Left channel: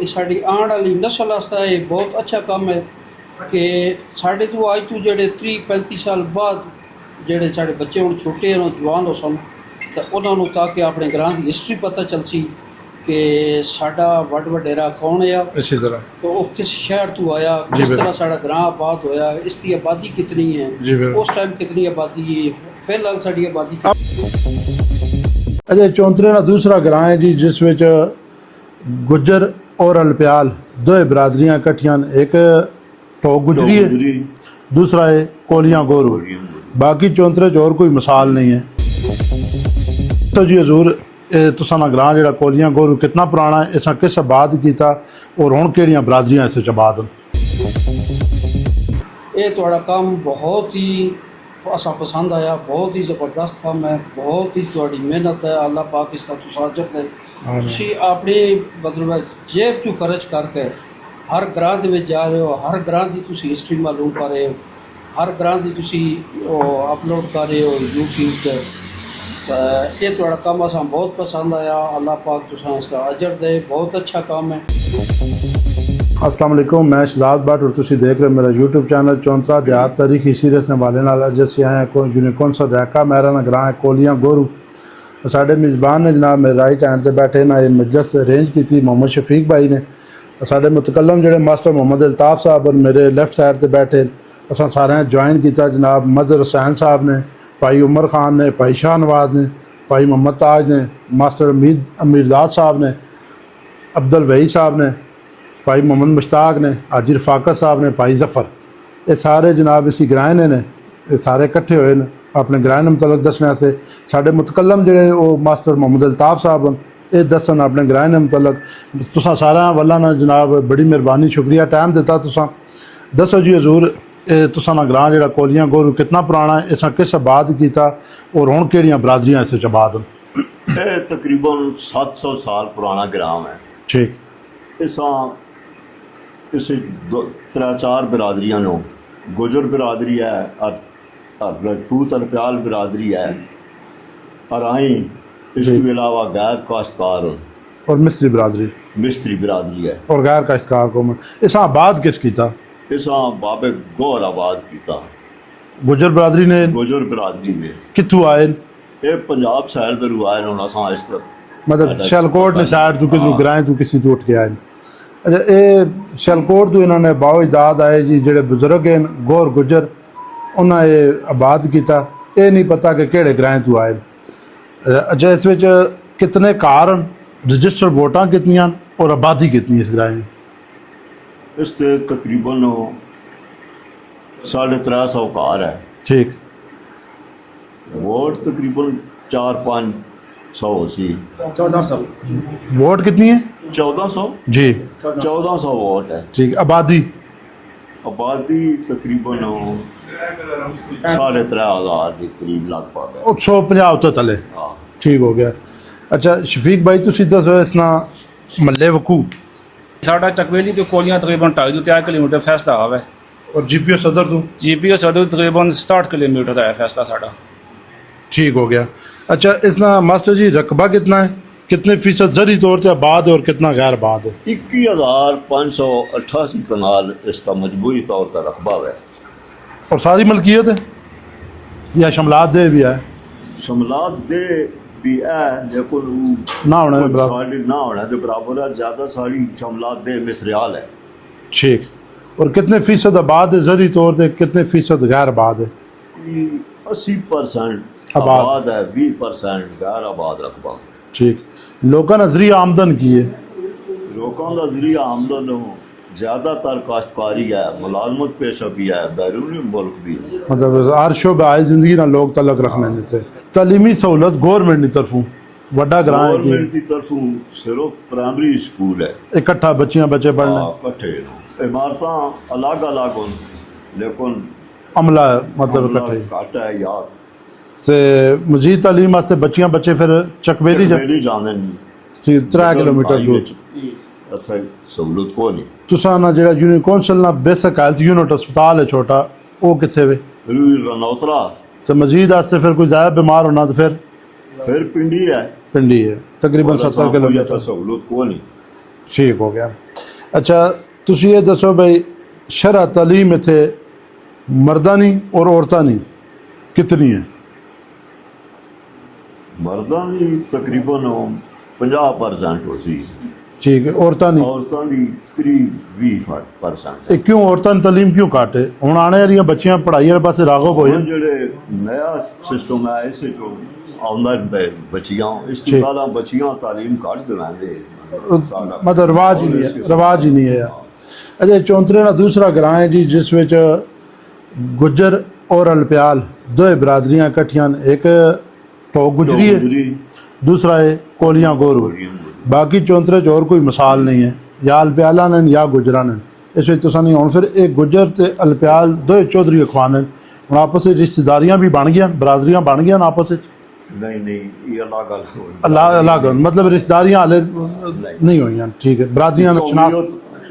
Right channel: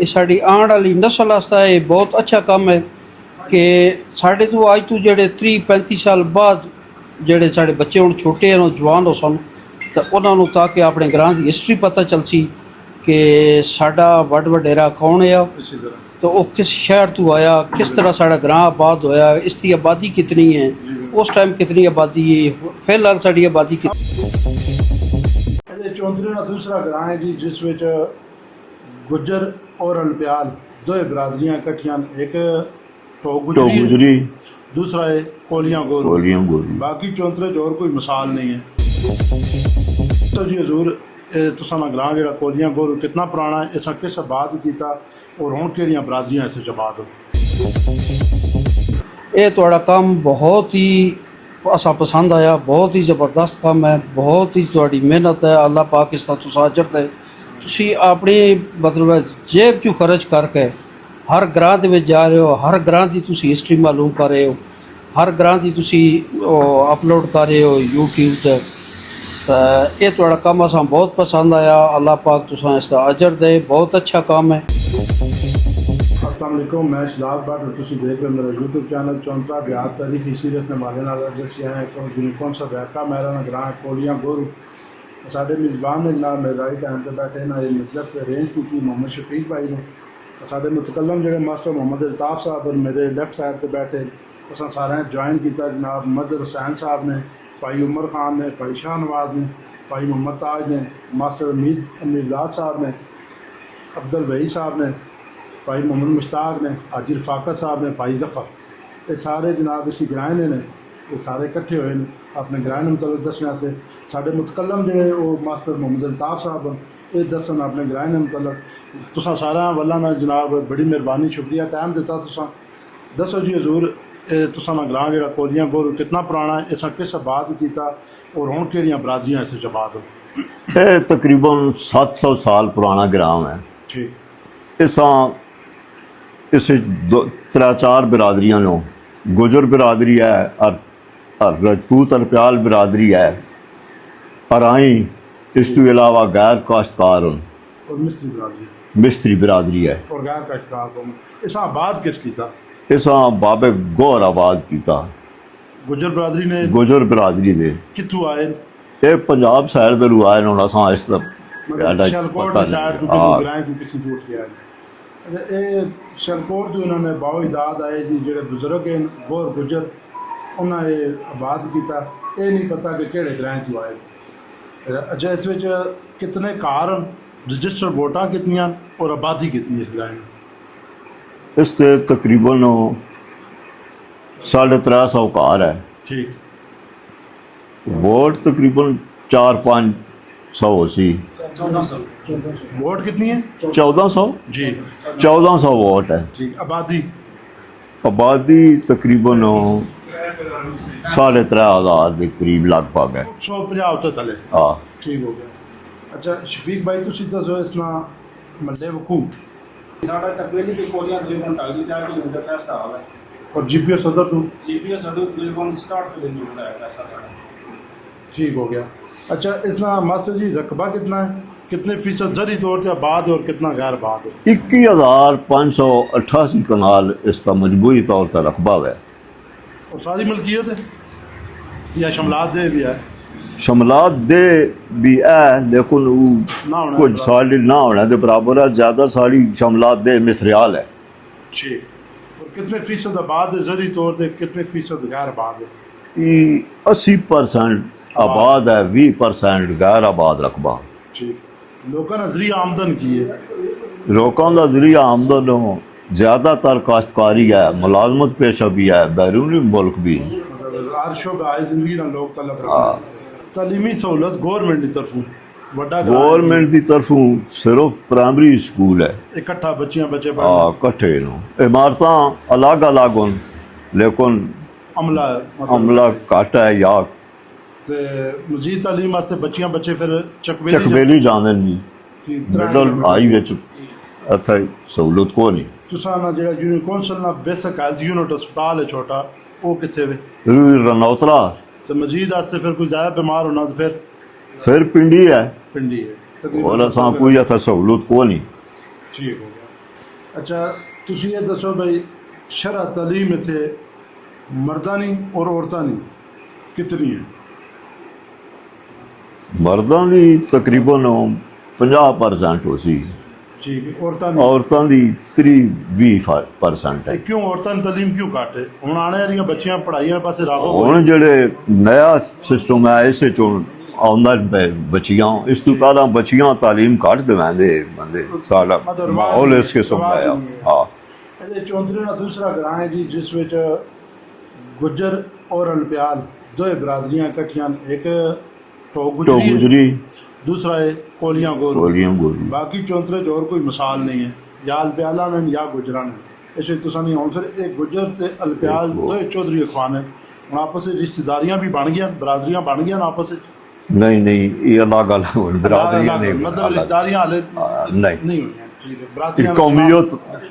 ये साड़ी आने वाली नस्ल वास्ते ये बहुत अच्छा काम है कि साढ़े तो अज तो जेडे 30-35 साल बाद जेडे साढ़े बच्चे हुण छोटे हैं जवान हो सन तो उन्होंने ताकि अपने ग्रां की हिस्टरी पता चल सी कि साडा वड वडेरा कौन है इसी तरह तो वो किस शहर तो आया, किस तरह साड़ा ग्रां आबाद होया, इसकी आबादी कितनी जी है, बिल्कुल। उस टाइम कितनी आबादी है, फिलहाल साड़ी आबादी अजय चौंतरे का दूसरा ग्रां है जी जिस विच गुज्जर और अलप्याल दो बरादरियां इकट्ठियां ने। एक टोक गुजरी है, दूसरा है कोलियां गोरू। बाकी चौंतरे च और कोई मिसाल नहीं है। तो जी हजूर तुसा ना ग्रां जिहड़ा कोलियां गोरू कितना पुराना है, इसा किस आबाद कीता और हुण किहड़ियां बरादरियां इस आबाद न? ये थोड़ा काम बहुत ही असा पसंद आया, बहुत ही ज़बरदस्त काम है, बहुत ही थोड़ी मेहनत है। अल्लाह पाक इसका तुसा अजर दे। तुसी अपनी मतलब जेब चू खर्च करके हर ग्रां दे विच जा रहे हो, हर ग्रां की तुसी हिस्टरी मालूम कर रहे हो, हर ग्रां की तुसी अपलोड कर रहे हो यूट्यूब ते। ये थोड़ा काम असा बहुत पसंद आया। अल्लाह पाक तुसा इसका अजर दे, बहुत अच्छा काम है। अस्सलाम वालेकुम, मैं शहजाद भट्ट और तुसी देख रहे हो मेरा यूट्यूब चैनल चौंतरा देहात तारीखी सीरीज़ के हवाले नाल। जिससे आए जिन्हें कौन सा रैका मेरा ना ग्रां है कोलियां गोरू। साढ़े मेज़बान ने जनाब मेरे राइट हैंड से बैठे ना ये मजलिस अरेंज की थी मोहम्मद शफीक भाई ने। साढ़े मुतकलम जोड़े मास्टर मोहम्मद अल्ताफ़ साहब और मेरे लेफ्ट साइड से बैठे असा सारे ज्वाइन किया जनाब मजहर हुसैन साहब ने, भाई उमर खान ने, भाई शाह नवाज ने, भाई मोहम्मद ताज ने, मास्टर अमीरदाद साहब ने, अब्दुल वही साहब ने, भाई मोहम्मद मुश्ताक ने, हाजी रफाकत साहब ने, भाई जफ़र। ये सारे जनाब इसी ग्राहने ने ये सारे इकट्ठे हुए ने अपने ग्राहन मुतलक दसने से। साढ़े मुतकलम जोड़े वो मास्टर मोहम्मद अल्ताफ़ साहब ये दसन अपने ग्राहन मुतलक। तुसा सारा वाला ना जनाब बड़ी मेहरबानी शुक्रिया टाइम दिता। तुसा दसो जी हजूर तुसा ना ग्रां जिहड़ा कोलियां गोरू कितना पुराना है, इसा किस आबाद कीता और हुण किहड़ियां बरादरियां इस आबाद न? ये तकरीबन 700 साल पुराना ग्राम है। ठीक। इस 3-4 बिरादरियां नो गुजर बिरादरी है और रजपूत अरप्याल बिरादरी है और आई इस तो अलावा गैर काश्तकार और मिस्त्री बिरादरी है और गैर काश्तकार को इसा आबाद किस कीता? इसा बाबे गौर आबाद कीता गुजर बिरादरी ने। गुजर बिरादरी ने कित्थों आए? ये पंजाब शहर दरू आए होना सा इस मतलब शैलकोट ने साइड तू किसी ग्रां तू किसी तो उठ के आए। अच्छा ये शैलकोट तो इन्होंने बाओ इदाद आए जी जेडे बुजुर्ग हैं गौर गुजर उन्हें ये आबाद किया। ये नहीं पता कि किहड़े ग्रां तू आए। अच्छा इस विच कितने कार रजिस्टर्ड वोटां कितनियां और आबादी कितनी इस ग्रां? इस तकरीबन 350 कार है। ठीक। वोट तकरीबन 400-500 सी। 1400 वोट कितनी है? 1400 जी 1400 वोट है। ठीक। आबादी तकरीबन 3,500 के करीब लगभग है। 150 तो तले। हाँ ठीक हो गया। अच्छा शफीक भाई तुसी दसो इस ना मल्ले वकू साडा चकवेली तो कोलियां तकरीबन 2.5 किलोमीटर फैसला है और जीपीओ सदर तो जीपीओ सदर तकरीबन 60 किलोमीटर है फैसला साडा। ठीक हो गया। अच्छा इस ना मास्टर जी रकबा कितना है, कितने फीसद जरी तौर से आबाद है और कितना गैर आबाद है? 21,588 कनाल इसका मजबूरी तौर पर रकबा है। और सारी मलकियत है या शमलात दे भी है? शमलात दे भी है लेकिन ना होने कुछ साड़ी ना होने के बराबर है। ज़्यादा साड़ी शमलात दे मिसरियाल है। ठीक। और कितने फीसद आबाद है जरी तौर पर, कितने फीसद गैर आबाद है? 80% आबाद है, 20% गैर आबाद रकबा। ठीक। लोगों ने जरिया आमदन की है? लोगों का जरिया आमदन हो ज़्यादातर काश्तकारी है, मुलाजमत पेशा भी है, बैरूनी मुल्क भी। मतलब हर शोबे आए जिंदगी ना लोग तलक रखने देते। तालीमी सहूलत गौरमेंट की तरफों वड्डा गौरमेंट की तरफों सिर्फ प्राइमरी स्कूल है। इकट्ठा बच्चे पढ़ने कट्ठे इमारत अलग अलग हों लेकिन अमला अमला घट है या मजीद तालीम वास्ते बच्चे फिर चकवेली जाने नहीं 3 किलोमीटर इत्थे सहूलत को नहीं। तुसा ना जेड़ा यूनियन कौंसल ना बेसिक हेल्थ यूनिट अस्पताल है छोटा वो कित्थे वे? रनौतरा। तो मजीद वास्ते फिर कोई ज़्यादा बीमार होना तो फिर पिंडी है तकरीबन 70 किलोमीटर सहूलत को नहीं। ठीक हो गया। ਅੱਛਾ ਤੁਸੀਂ ਇਹ ਦੱਸੋ ਬਈ ਸ਼ਰਅ ਤਾਲੀਮ ਇੱਥੇ ਮਰਦਾਂ ਦੀ ਔਰ ਔਰਤਾਂ ਦੀ ਕਿਤਨੀ ਹੈ? ਮਰਦਾਂ ਦੀ ਤਕਰੀਬਨ 50% ਹੋ ਸੀ, ਠੀਕ ਹੈ, ਔਰਤਾਂ ਦੀ ਔਰਤਾਂ ਦੀ 20% ਹੈ। ਇਹ ਕਿਉਂ ਔਰਤਾਂ ਦੀ ਤਾਲੀਮ ਕਿਉਂ ਘੱਟ ਹੈ? ਹੁਣ ਆਉਣ ਵਾਲੀਆਂ ਬੱਚੀਆਂ ਪੜ੍ਹਾਈ ਵਾਲੇ ਪਾਸੇ ਰਾਗੋ ਹੁਣ ਹੋਏ। ਜਿਹੜੇ ਨया ਸਿਸਟਮ ਹੈ ਇਸੇ ਚੋਂ ਆਉਂਦਾ ਬੱਚੀਆਂ, ਇਸ ਤੋਂ ਠੀਕ। ਪਹਿਲਾਂ ਬੱਚੀਆਂ ਤਾਲੀਮ ਘੱਟ ਦਿਵਾਉਂਦੇ ਬੰਦੇ ਸਾਡਾ ਮਤਲਬ ਰਿਵਾਜ ਮਾਹੌਲ ਹੀ ਇਸ ਹੈ, ਕਿਸਮ ਰਿਵਾਜ ਦਾ ਹੀ ਨਹੀਂ ਹੈ। ਹਾਂ। ਅਜੇ ਚੌਂਤਰੇ ਦਾ ਦੂਸਰਾ ਗ੍ਰਾਂ ਹੈ ਜੀ ਜਿਸ ਵਿੱਚ ਗੁੱਜਰ ਔਰ ਅਲਪਿਆਲ ਦੋਏ ਬਰਾਦਰੀਆਂ ਇਕੱਠੀਆਂ ਨੇ। ਇੱਕ ਟੋਕ ਤੋਂ ਗੁਜਰੀ ਹੈ, ਗੁਜਰੀ दूसरा है कोलियाँ गोरू। ਗੋਲੀਆਂ ਗੋਲੀ बाकी चौंतरे च और कोई मिसाल नहीं है, या अलप्याला ने या गुजरा ने। इस ਵਿੱਚ तुसां नहीं हुण फिर एक गुजर ते अलप्याल दोए चौधरी अखवान ने ਹੁਣ ਆਪਸ ਵਿੱਚ ਰਿਸ਼ਤੇਦਾਰੀਆਂ ਵੀ ਬਣ ਗਈਆਂ, ਬਰਾਦਰੀਆਂ ਬਣ ਗਈਆਂ ਆਪਸ ਵਿੱਚ। ਨਹੀਂ ਨਹੀਂ ਇਹ ਅਲੱਗ ਅਲੱਗ ਅਲੱਗ ਮਤਲਬ ਰਿਸ਼ਤੇਦਾਰੀਆਂ ਹਾਲੇ ਨਹੀਂ ਹੋਈਆਂ। ਠੀਕ ਹੈ, ਬਰਾਦਰੀਆਂ ਨੂੰ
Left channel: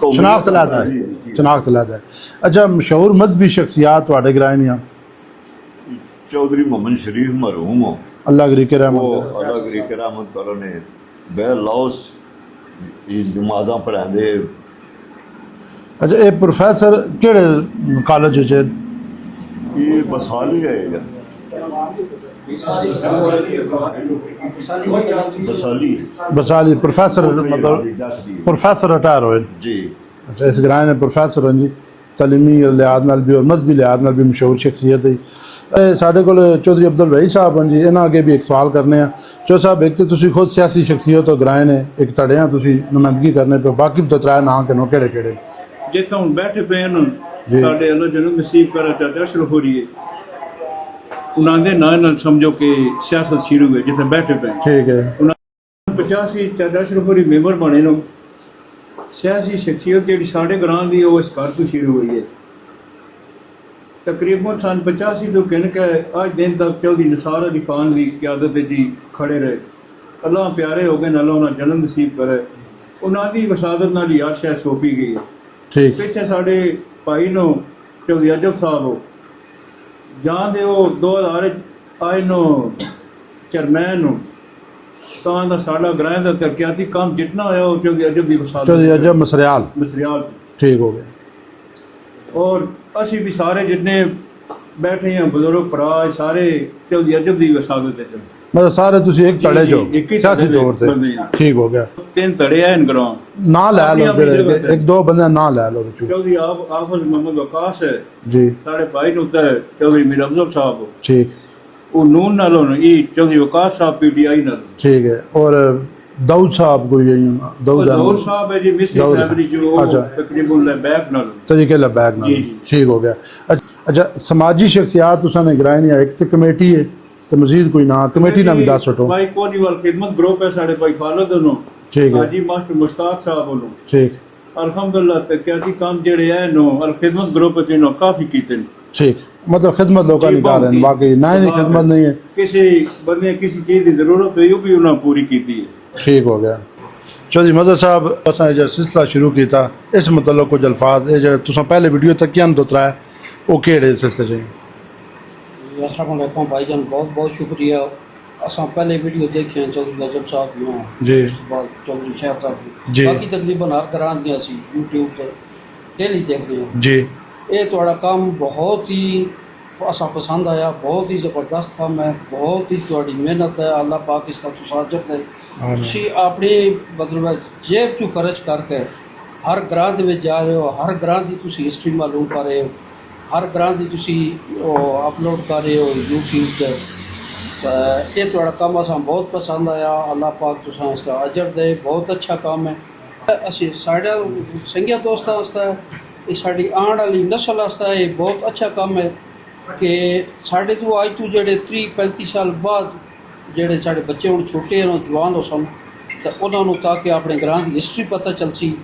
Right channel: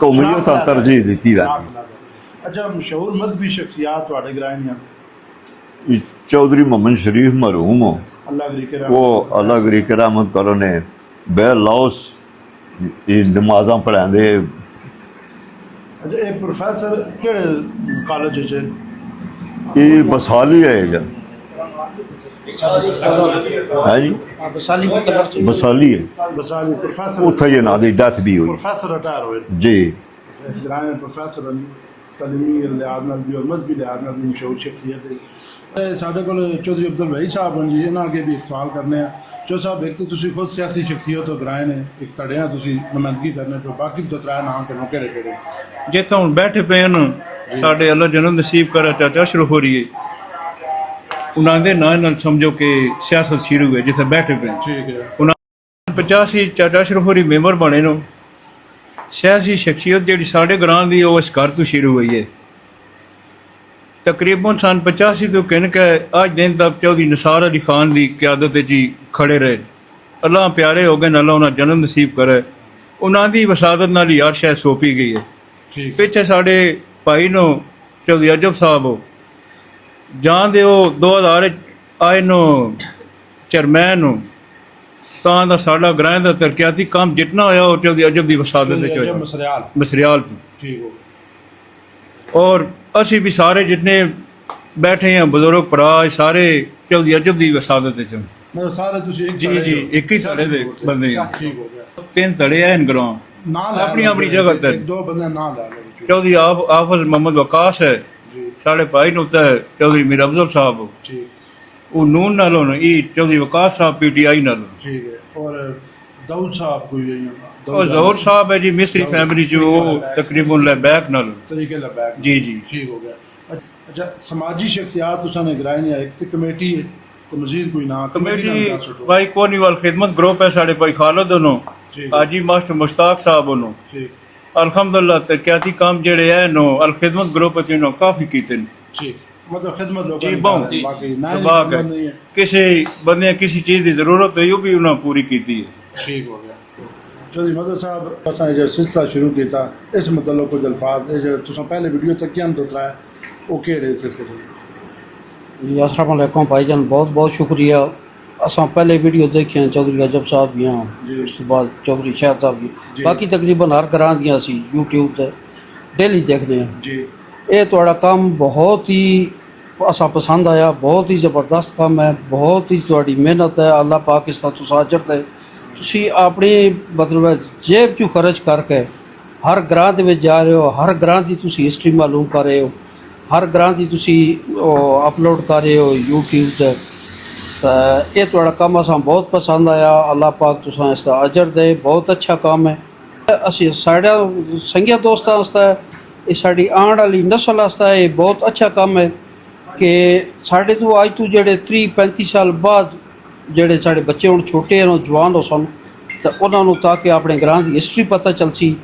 ਕੌਮੀਅਤ ਦਾ ਤਰਜੀਹ ਦਿੱਤੀ ਹੈ। ਸ਼ਨਾਖਤ ਲੈਦਾ ਹੈ। ਅੱਛਾ ਮਸ਼ਹੂਰ ਮਜ਼ਹਬੀ ਸ਼ਖਸੀਅਤ ਤੁਹਾਡੇ ਗ੍ਰਾਏ ਦੀਆਂ? चौधरी मोहम्मद शरीफ मरहूम हो, अल्लाह गरी के वो रहमत। अल्लाह गरी के रहमत करो ने बेलौस नमाजा पढ़ाते। अच्छा ये प्रोफेसर केड़े कॉलेज च? ये बसाली है जी, है जी बसाली है, बसाली प्रोफेसर उत्थे ये ना दी डेथ भी हुई प्रोफेसर रिटायर होए। जी। अच्छा इस ग्राए ने प्रोफेसर हैं जी, तलीमी लिहाज नाल भी और मजहबी लिहाज नाल भी मशहूर शख्सियत है। ਸਾਡੇ ਕੋਲ ਚੌਧਰੀ ਅਬਦੁਲ ਵਹੀ ਸਾਹਿਬ ਹਨ ਜੀ, ਇਹਨਾਂ ਅੱਗੇ ਵੀ ਇੱਕ ਸਵਾਲ ਕਰਨੇ ਆ। ਚੌਧਰੀ ਸਾਹਿਬ ਇੱਕ ਤੇ ਤੁਸੀਂ ਖੁਦ ਸਿਆਸੀ ਸ਼ਖਸੀਅਤ ਹੋ ਗ੍ਰਾਏ ਨੇ, ਇੱਕ ਧੜੇ ਆ ਤੁਸੀਂ ਨੁਮਾਇੰਦਗੀ ਕਰਨੇ ਪਏ, ਬਾਕੀ ਤਾਂ ਤਰਾ ਨਾਂ ਕਿਨੋਂ ਕਿਹੜੇ ਕਿਹੜੇ ਜਿੱਥੇ ਹੁਣ ਬੈਠੇ ਪਏ ਹਨ ਸਾਡੇ ਅੱਲਾ ਜਨਮ ਨਸੀਬ ਕਰਾ ਚਾਚਾ ਅਸ਼ਰਫ ਹੋਰੀਏ, ਉਹਨਾਂ ਦੇ ਨਾਂ ਨਾਲ ਸਮਝੋ ਕਿ ਸਿਆਸਤ ਸ਼ੁਰੂ ਹੋਈ ਜਿੱਥੇ ਬੈਠੇ ਪਏ। ਠੀਕ ਹੈ। 85 ਚਾਚਾ ਅਸ਼ਰਫ ਹੋਰੀ ਮੈਂਬਰ ਬਣੇ ਨੂੰ ਸਿਆਸੀ ਸ਼ਖਸੀਅਤ ਜਿਹੜੀ ਸਾਡੇ ਗ੍ਰਾਂ ਦੀ ਉਹ ਇਸ ਘਰ ਤੋਂ ਸ਼ੁਰੂ ਹੋਈ ਹੈ। ਤਕਰੀਬਨ ਸਨ 85 ਤੋਂ ਕਿਨ ਕੇ ਅੱਜ ਦਿਨ ਤੱਕ ਚੌਧਰੀ ਨਿਸਾਰ ਅਲੀ ਖਾਨ ਦੀ ਕਿਆਦਤ ਵਿੱਚ ਹੀ ਖੜੇ ਰਹੇ। ਅੱਲਾਹ ਪਿਆਰੇ ਹੋ ਗਏ, ਅੱਲਾਹ ਉਹਨਾਂ ਜਨਮ ਨਸੀਬ ਕਰੇ। ਉਹਨਾਂ ਦੀ ਵਸਾਦਤ ਨਾਲ ਹੀ ਹਰ ਸ਼ੈ ਸੌਂਪੀ ਗਈ ਹੈ। ਠੀਕ। ਪਿੱਛੇ ਸਾਡੇ ਭਾਈ ਨੂੰ ਚੌਧਰੀ ਅਜਬ ਸਾਹਿਬ ਜਾਂ ਦੇ ਉਹ 2000 ਆਏ ਨੂੰ ਚੇਅਰਮੈਨ ਨੂੰ ਤਾਂ ਦਾ ਸਾਡਾ ਗ੍ਰਾਂ ਦਾ ਤਰੱਕਿਆਤੀ ਕੰਮ ਜਿਤਨਾ ਹੋਇਆ ਉਹ ਚੌਧਰੀ ਅਜਬ ਦੀ ਵਸਾਦਤ ਚੌਧਰੀ ਵਿੱਚ ਅਜਬ ਮਸਰਿਆਲ ਠੀਕ ਹੋ ਗਿਆ। ਔਰ ਅਸੀਂ ਵੀ ਸਾਰੇ ਜਿਤਨੇ ਬੈਠੇ ਹਾਂ ਬਜ਼ੁਰਗ ਭਰਾ ਸਾਰੇ ਚੌਧਰੀ ਅਜਬ ਦੀ ਵਸਾਦਤ ਵਿੱਚ ਮਤਲਬ ਸਾਰੇ ਤੁਸੀਂ ਇੱਕ ਧੜੇ ਜੋ ਇੱਕ ਹੀ ਸਿਆਸੀ ਧੜੇ ਤੌਰ ਤੇ ਬੰਦੇ ਹਾਂ। ਠੀਕ ਹੋ ਗਿਆ। ਤਿੰਨ ਧੜੇ ਆ ਇਨ ਗਰੋਂ ਨਾਂ ਲੈ ਆਪਣੀ ਲਓ ਆਪਣੀ ਜਗ੍ਹਾ ਫਿਰ, ਤੇ। ਇੱਕ ਦੋ ਬੰਦੇ ਨਾਂ ਲੈ ਲਓ ਵਿੱਚੋਂ। ਚੌਧਰੀ ਆਫਜ਼ ਮੁਹੰਮਦ ਵਕਾਸ ਹੈ ਜੀ ਸਾਡੇ ਭਾਈ ਨੂੰ ਤਾਂ ਚੌਧਰੀ ਮੀਰ ਅਫਜ਼ਲ ਸਾਹਿਬ ਠੀਕ ਉਹ ਨੂਨ ਨਾਲੋਂ ਇਹ ਚੌਧਰੀ ਵਕਾਸ ਸਾਹਿਬ PTI ਨਾਲ ठीक है। और दाऊद साहब कोई है ਉਹ दाऊद ਜ਼ਹੂਰ ਸਾਹਿਬ ਹੈ ਜੀ ਮਿਸਰੀ ਦਾਊਦ। ਫੈਮਿਲੀ ਜੋ ਉਹ ਅੱਛਾ। ਤਕਰੀਬਨ ਲੈਬੈਕ ਨਾਲ तरीके लबैक जी, जी। ठीक हो गया। अच्छा समाजी शख्सियात तुसां निगरानी नहीं है, एक तो कमेटी है तो मजीद कोई ना कमेटी ना भी दस छो। ਭਾਈ ਕੋਨੀਵਾਲ ਖਿਦਮਤ ਗਰੁੱਪ ਹੈ ਸਾਡੇ ਭਾਈ ਖਾਲਦ ਨੂੰ ठीक है। ਹਾਜੀ ਮਾਸਟਰ ਮੁਸ਼ਤਾਕ ਸਾਹਿਬ ਨੂੰ ठीक ਅਲਹਮਦੁਲਿਲਾ ਤਰੱਕਿਆਤੀ ਕੰਮ ਜਿਹੜੇ ਹੈ ਨੂੰ ਅਲ ਖਿਦਮਤ ਗਰੁੱਪ ਚ ਨੂੰ ਕਾਫੀ ਕੀਤੇ ਨੇ। ठीक मतलब खिदमत लोगों जी, की कर रहे जी। हैं, बाकी ना ही वाकई। खिदमत नहीं है। ਕਿਸੇ ਬੰਦੇ ਕਿਸੇ ਚੀਜ਼ ਦੀ ਜ਼ਰੂਰਤ ਹੋਈ ਉਹ ਵੀ ਉਹਨਾਂ ਪੂਰੀ ਕੀਤੀ ਹੈ। ठीक हो गया। चौधरी मदर साहब असां जो सिलसिला शुरू किया इस मतलब कुछ अल्फाज ये जो तुसां पहले वीडियो तक क्या तो तराया वो केड़े सिलसिले च? अस्सलाम वालेकुम भाईजान, बहुत बहुत शुक्रिया। असां पहले वीडियो देखे हैं चौधरी अजब साहब भी हैं जी। उस तो बाद चौधरी शाह साहब जी। भी, बाकी तकरीबन हर घरां दियां सी यूट्यूब ते डेली देखने हैं। जी ये ਤੁਹਾਡਾ ਕੰਮ ਬਹੁਤ ਹੀ ਅਸਾਂ ਪਸੰਦ ਆਇਆ, ਬਹੁਤ ਹੀ ਜ਼ਬਰਦਸਤ ਕੰਮ ਹੈ, ਬਹੁਤ ਹੀ ਤੁਹਾਡੀ ਮਿਹਨਤ ਹੈ। ਅੱਲਾਹ ਪਾਕ ਇਸ ਦਾ ਤੁਸੀਂ ਅਜਰ ਦੇ। ਤੁਸੀਂ ਆਪਣੀ ਮਤਲਬ ਜੇਬ 'ਚੋਂ ਖਰਚ ਕਰਕੇ ਹਰ ਗ੍ਰਾਂ ਦੇ ਵਿੱਚ ਜਾ ਰਹੇ ਹੋ, ਹਰ ਗ੍ਰਾਂ ਦੀ ਤੁਸੀਂ ਹਿਸਟਰੀ ਮਾਲੂਮ ਕਰ ਰਹੇ ਹੋ, ਹਰ ਗ੍ਰਾਂ ਦੀ ਤੁਸੀਂ ਉਹ ਅਪਲੋਡ ਕਰ ਰਹੇ ਹੋ YouTube 'ਤੇ। ਤਾਂ ਇਹ ਤੁਹਾਡਾ ਕੰਮ ਅਸਾਂ ਬਹੁਤ ਪਸੰਦ ਆਇਆ। ਅੱਲਾਹ ਪਾਕ ਤੁਸੀਂ ਇਸ ਦਾ ਅਜਰ ਦੇ। ਬਹੁਤ ਅੱਛਾ ਕੰਮ ਹੈ। ਅਸੀਂ ਸਾਡਾ ਸੰਗੀਆਂ ਦੋਸਤਾਂ ਵਾਸਤੇ ਇਹ ਸਾਡੀ ਆਉਣ ਵਾਲੀ ਨਸਲ ਵਾਸਤੇ ਇਹ ਬਹੁਤ ਅੱਛਾ ਕੰਮ ਹੈ ਕਿ ਸਾਡੇ ਤੋਂ ਅੱਜ ਤੋਂ ਜਿਹੜੇ 30-35 ਸਾਲ ਬਾਅਦ ਜਿਹੜੇ ਸਾਡੇ ਬੱਚੇ ਹੁਣ ਛੋਟੇ ਹਨ ਜਵਾਨ ਹੋ ਸਨ ਤਾਂ ਉਹਨਾਂ ਨੂੰ ਤਾਂ ਕਿ ਆਪਣੇ ਗ੍ਰਾਂ ਦੀ ਹਿਸਟਰੀ ਪਤਾ ਚੱਲ ਸੀ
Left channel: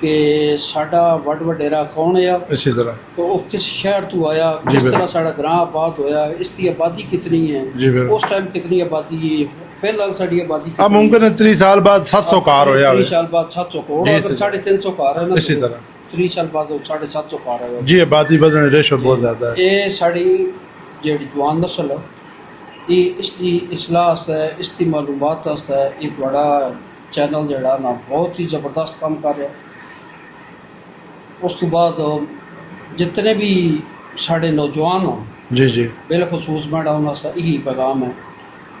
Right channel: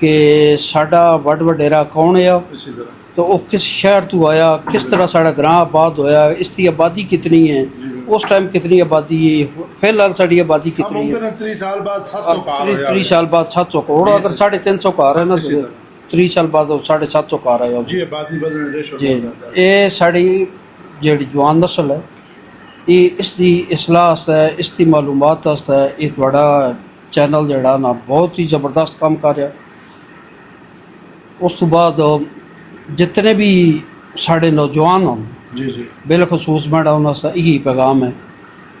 ਕਿ ਸਾਡਾ ਵੱਡ ਵਡੇਰਾ ਕੌਣ ਹੈ इसी तरह तो वो किस शहर तो आया, किस तरह साड़ा ग्रां आबाद होया, इसकी आबादी कितनी जी, है, बिल्कुल। उस टाइम कितनी आबादी है, फिलहाल साड़ी आबादी अब कितनी मुमकिन है 30 साल बाद 700 कार हो 30 साल बाद 700 करोड़, जी, अगर जी। 350 कार है ना इसी तरह। 30 साल बाद 750 कार है। जी आबादी बदलने रेशो बहुत ज़्यादा है। ये साड़ी ਜਿਹੜੀ ਜਵਾਨ ਨਸਲ ਹੈ ਇਹ ਇਸ ਦੀ ਇਸਲਾਹ ਵਾਸਤੇ, ਇਸ ਦੀ ਮਾਲੂਮਾਤ ਵਾਸਤੇ ਇਹ ਤੁਹਾਡਾ ਚੈਨਲ ਜਿਹੜਾ ਨਾ ਬਹੁਤ ਹੀ ਜ਼ਬਰਦਸਤ ਕੰਮ ਕਰ ਰਿਹਾ। ਉਸ ਤੋਂ ਬਾਅਦ ਜਿਤਨੇ ਵੀ ਸਾਡੇ ਨੌਜਵਾਨ ਹੋਣ जी जी बिलखसूस मेरा उनसे यही पैगाम है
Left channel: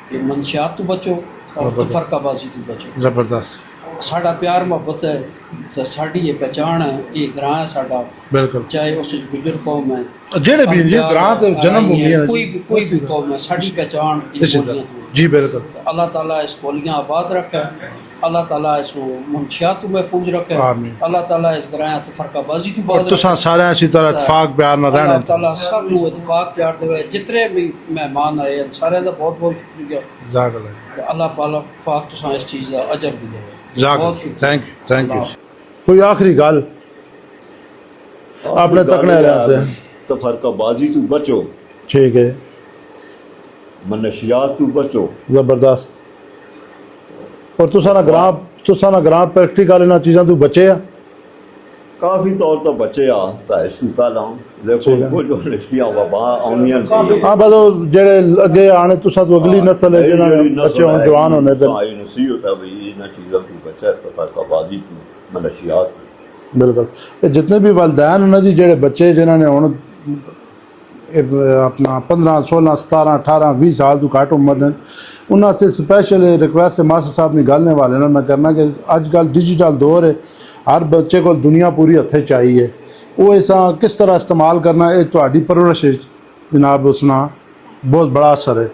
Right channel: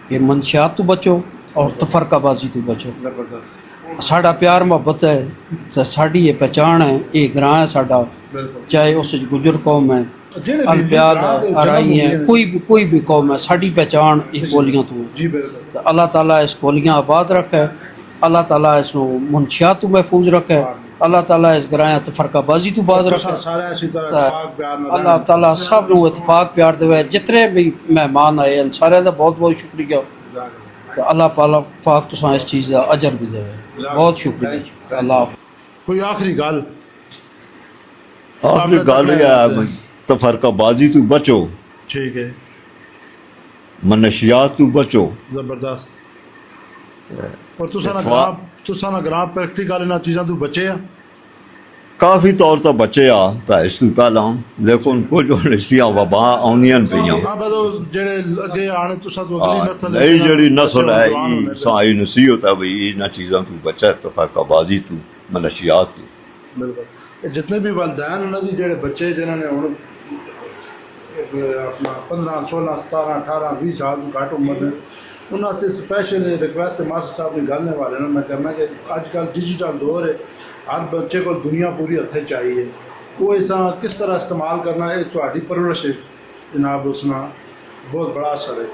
कि मनशियात तो बचो और तफरकाबाजी तो बचो। ज़बरदस्त साड़ा प्यार मोहब्बत है तो साड़ी ये पहचान है, ये ग्रां है साड़ा, बिल्कुल चाहे उस गुजर कौम है जेड़े भी जी अनप्यार ग्रां ते है, जन्म अराई भूमि है, है कोई भी कौम है, साड़ी पहचान ये बोलियां तो है। जी बिल्कुल तो अल्लाह ताला इस कोलियां आबाद रखे, अल्लाह ताला इस मुनशियात तो महफूज रखे, आमीन। अल्लाह ताला इस ग्रां तफरकाबाजी तो बाज तुसा रखे, सारे इसी तरह इतफाक प्यार न अल्लाह रहना ताला सब नूं इतफाक प्यार देवे। जितने भी मेहमान आए हैं सारे का बहुत बहुत शुक्रिया। जागल तो अल्लाह पाक तुसां इस चीज़ का अजर भी देवे। बहुत शुक्रिया। थैंक अल्लाह यू कोई आखिरी गल आपने आपने गल तकना है है तफरकाबाजी तो बचो, ठीक है मनशियात तो बचो। जबरदस्त और तुसा ना ग्रां प्रैक्टिकल इन्हां चीज़ां तो बचे आ काफ़ी तौर तो बचे आ तो इस तू पहला लेकिन कुछ इसदियां वबा आउंदियां पईयां। हाँ बस वो जेड़े अगे आने तुसा तो अगली नस्ल है ये जिन्हां जेड़ी बच्चे नस्ल होण, जवान होने है पे साई नसीहत है भाई इन चीज़ों तो बचा तफरकाबाजी तो मनशियात तो। बिल्कुल ये जितने भी वालदैन उन्होंने जी जेड़े बच्चे जिन्होंने हुण अपना 15 16 17 18 20 साल तो घट उम्र ने उन्होंने स्पैशल रिक्वेस्ट मास्टर साहब ने गल वाले ने मैं करना कि अजकल डिजिटल दौर है, हर बच्चे को दुनिया पूरी हथे चाहिए, वो ऐसा किस तरह इस्तेमाल करना ये तुहाडी परवरिश जनाब उसना बहुत बड़ा असर है।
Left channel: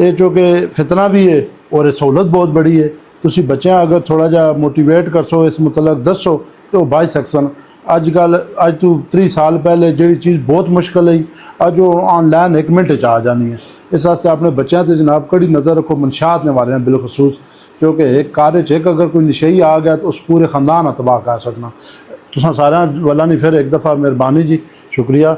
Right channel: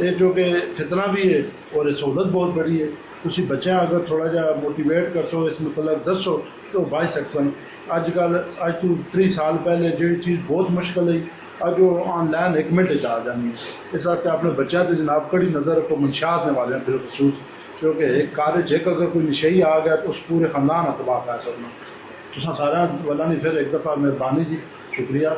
ये चूँकि फितना भी है और ये सहूलत बहुत बड़ी है, तुसी बच्चे अगर थोड़ा जा मोटिवेट कर सो इस मतलब दसो तो बाई सकसन। अजकल अज तो 30 साल पहले जी चीज़ बहुत मुश्किल है अज वो ऑनलाइन 1 मिनट च आ जानी है। इस वास्ते अपने बच्चों से जनाब कड़ी नज़र रखो, मनशात ने वाले बिलखसूस क्योंकि एक कार्य च अगर कोई नशई आ गया तो उस पूरे ख़ानदान तबाह कर सकना। तुसा सारे वाला नहीं फिर एक दफ़ा मेहरबानी जी शुक्रिया।